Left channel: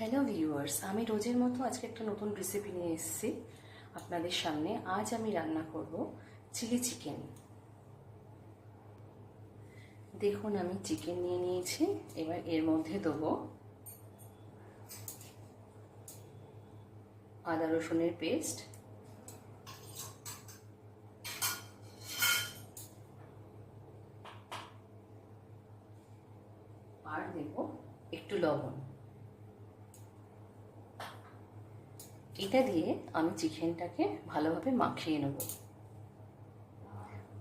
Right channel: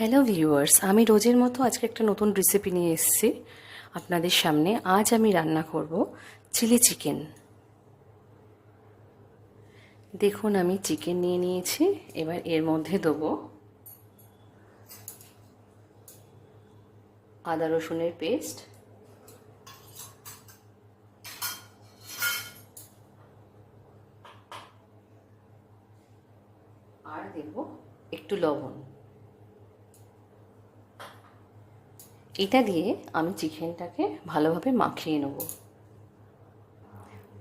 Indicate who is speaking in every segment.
Speaker 1: Hello viewers আমি রোজের মতো আজকে একটা নতুন রেসিপি নিয়ে এসেছি আপনাদের সামনে। আজ আমি রান্না করব চিলি চিকেন দেখুন, আমি চিকেন নিয়ে নিয়েছি। এবার এর মধ্যে দেবো আদা রসুনের পেস্ট আর দেব একটু লবণ। এটা দিয়ে আমি চিকেনটাকে ভালোভাবে মাখিয়ে নেব।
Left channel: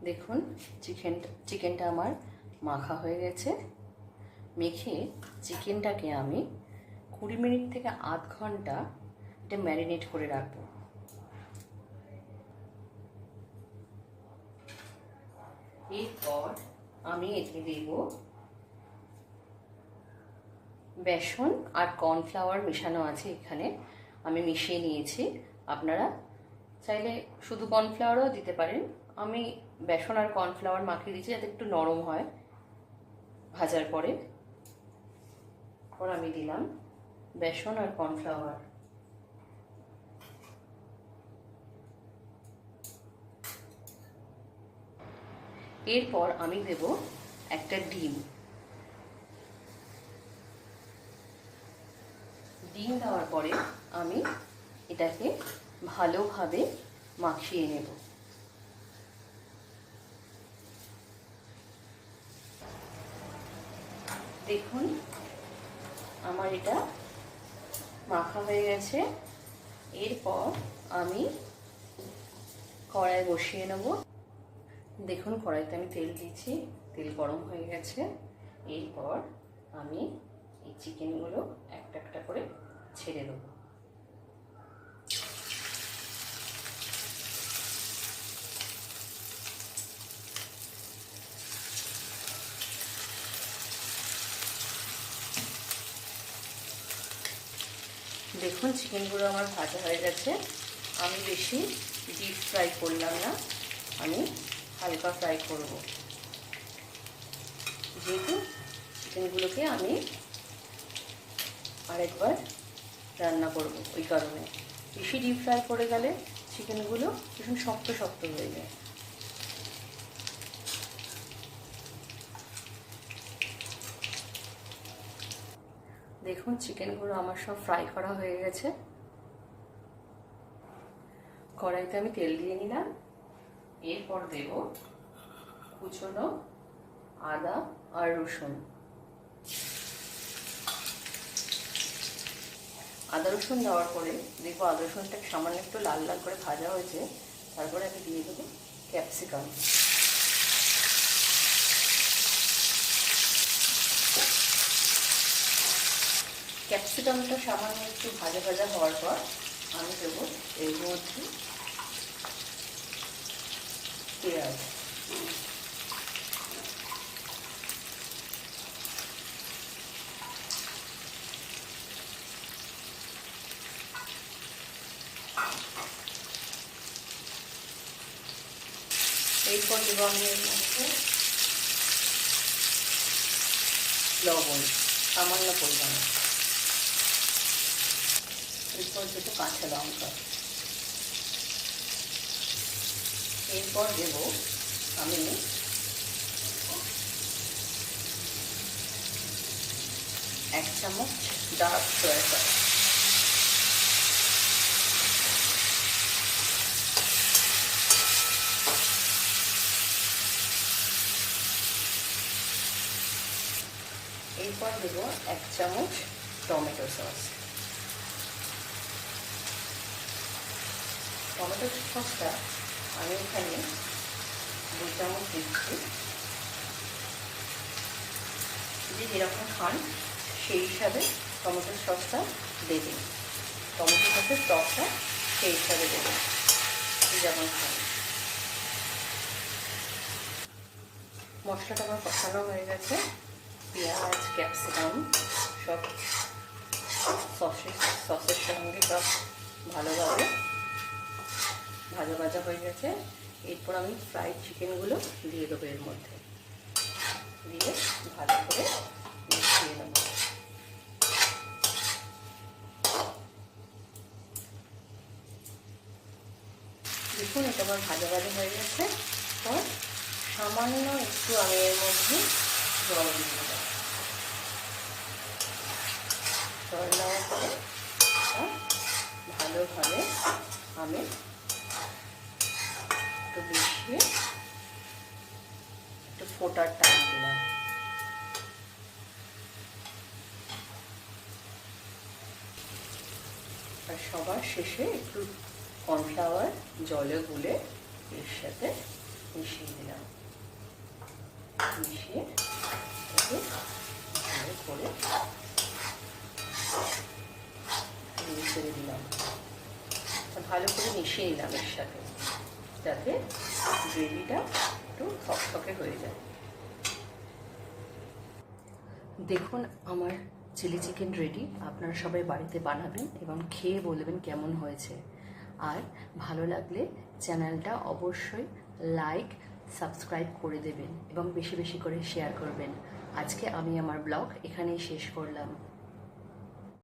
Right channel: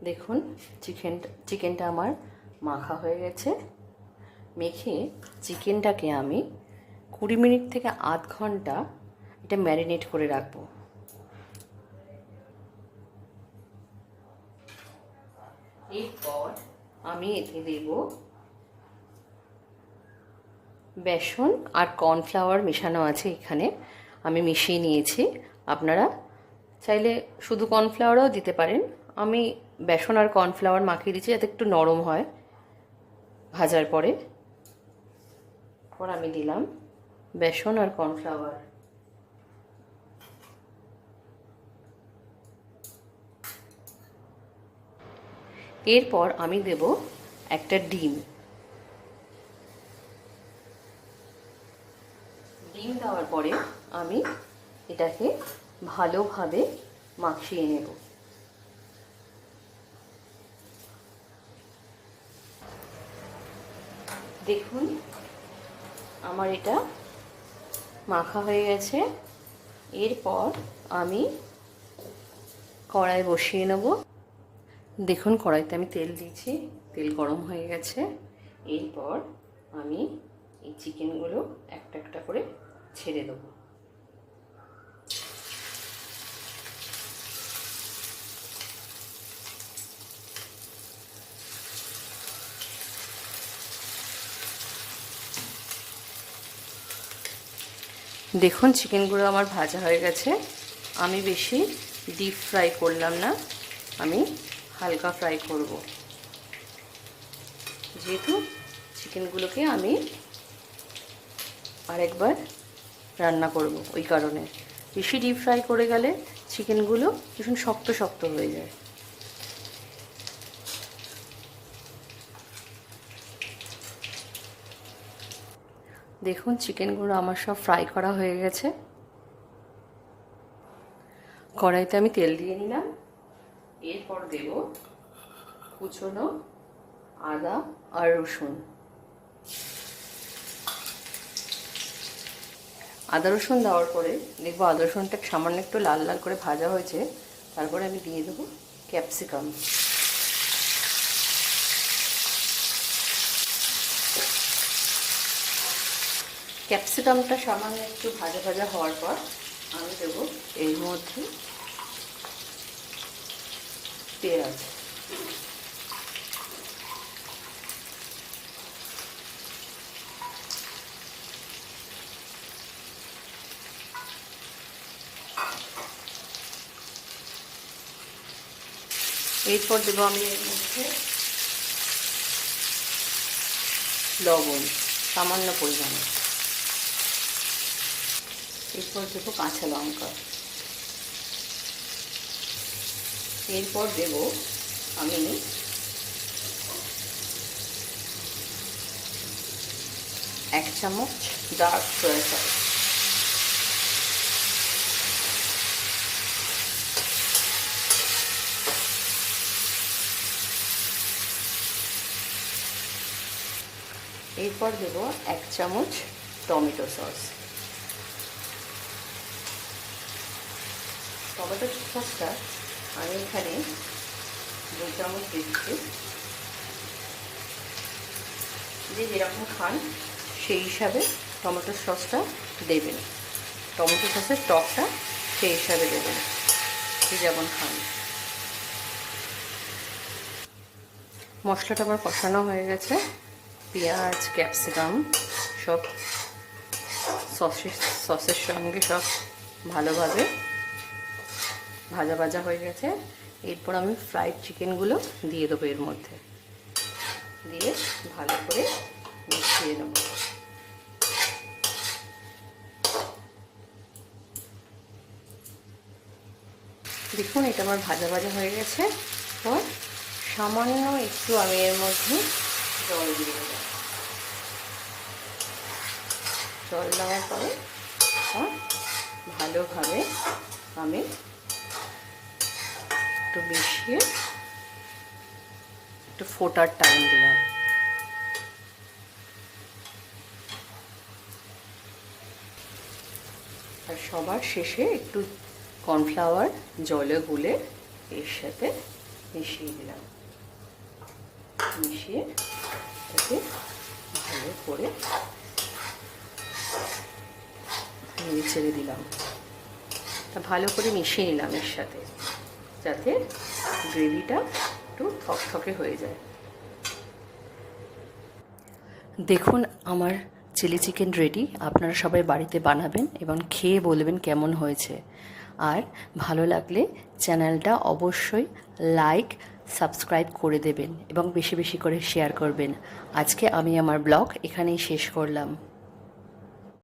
Speaker 1: দেখুন, চিকেন, চিকেনটা আমার মাখা হয়ে গেছে। মেখে চিকেনটাকে আমি কুড়ি মিনিট থেকে আধ ঘণ্টা এটা ম্যারিনেট করে রাখব। এরপর আমি এতে দেব বেসন আর কর্নফ্লাওয়ার মেশানো আছে এখানে। আমি মিশিয়ে নিয়েছি। আপনারা চাইলে শুধু কর্নফ্লাওয়ারও দিতে পারেন। আমি বেসন আর কর্নফ্লাওয়ার মাখিয়ে দিচ্ছি যাতে একটু নরম হয় ভাজার পরে। আমি দিলাম বেসন আর কর্নফ্লাওয়ার। এরপর আমি দেব একটা ডিম। ডিম দেওয়ার পরে আমি এটাকে ভালোভাবে মাখিয়ে নেব। দেখুন, আমার এটা মাখা হয়ে গেছে। এরপর আমি কড়াই বসিয়ে নেব। দেখুন, কড়াইতে আমি তেল দিয়েছি, তেল গরম হয়ে গেছে। এরপর আমি এই চিকেনগুলো একটা একটা করে ছেড়ে দেবো। দেখুন, চিকেনগুলো আমার ভাজা হয়ে গেছে। আমি বেশি ডিপ ফ্রাই করলাম না। আমি হালকা ফ্রাই করব। যেহেতু চিকেনগুলোকে আমি আরেকবার রান্না করব ওই কারণে। বেশি ডিপ ফ্রাই করে গেলে চিকেনগুলো ভীষণ শক্ত শক্ত হয়ে যায়। দেখুন, চিকেনগুলো আমার সব ফ্রাই করা হয়ে গেছে। কড়াইতে আমি তেল দিয়ে নিলাম। এরপর দেব কুচনো আদা আর রসুন। আদা রসুন দেওয়ার পরে দেখব আদা রসুনটা সামান্য একটু লাল লাল করে ভাজা হয়েছে। তারপরে আমি দিয়ে দেবো ক্যাপসিকাম। ক্যাপসিকামটা সামান্য একটু ভাজা ভাজা হওয়ার পর আমি দেবো এর মধ্যে পেঁয়াজ। এরপর দেবো আমি এর মধ্যে লবণ, সামান্য পরিমাণে। এরপর দেবো কাঁচা লঙ্কা। এরপর দেব আমি এক চামচ ডার্ক সয়া সস। এরপর দেব এক চামচ টমেটো সস। টমেটো সসটা আমি এখানে দুই চামচ দিচ্ছি। যে যেরকম খান, সেই হিসাবে টমেটো সসটা দেবেন। টমেটো সসের টকটা সেই হিসাবে দেবেন যেমন খান। মশলাটা আমার কষানো হয়ে গেছে। পেঁয়াজ, ক্যাপসিকাম সব সসের সসের সঙ্গে সব ভালোভাবে ভাজা ভাজা হয়ে গেছে। এরপর আমি ফ্রাইড চিকেনগুলো দিয়ে দেবো এর মধ্যে। দিয়ে ভালো করে মিশিয়ে নেব। দেখুন, এটা আমার ভাজা ভাজা হয়ে গেছে। তো সামান্য একটু আমি এর মধ্যে জল দিয়ে দেব। জল দেওয়ার পরে মিশিয়ে একটু ফোটার টাইম দিলাম। আর সবার শেষে একটু কর্নফ্লাওয়ার জলে গুলে এর সাথে মিশিয়ে দিলাম। মিশিয়ে ভালো করে ছেড়ে দিলাম। ভালো করে মিশিয়ে নিলাম এর সাথে। যাতে গ্রেভিটা একটু থকথকে হয়ে যায়। দেখুন, আমার চিলি চিকেন রেডি আপনারা সবাই বাড়িতে বানাবেন এবং খেয়ে বলবেন কেমন হয়েছে। আর ভালো লাগলে চ্যানেলটা অবশ্যই লাইক সাবস্ক্রাইব করে দেবেন এবং বেশি বেশি করে শেয়ার করবেন। আজকে আমি আমার ব্লগ এখানেই শেষ করলাম।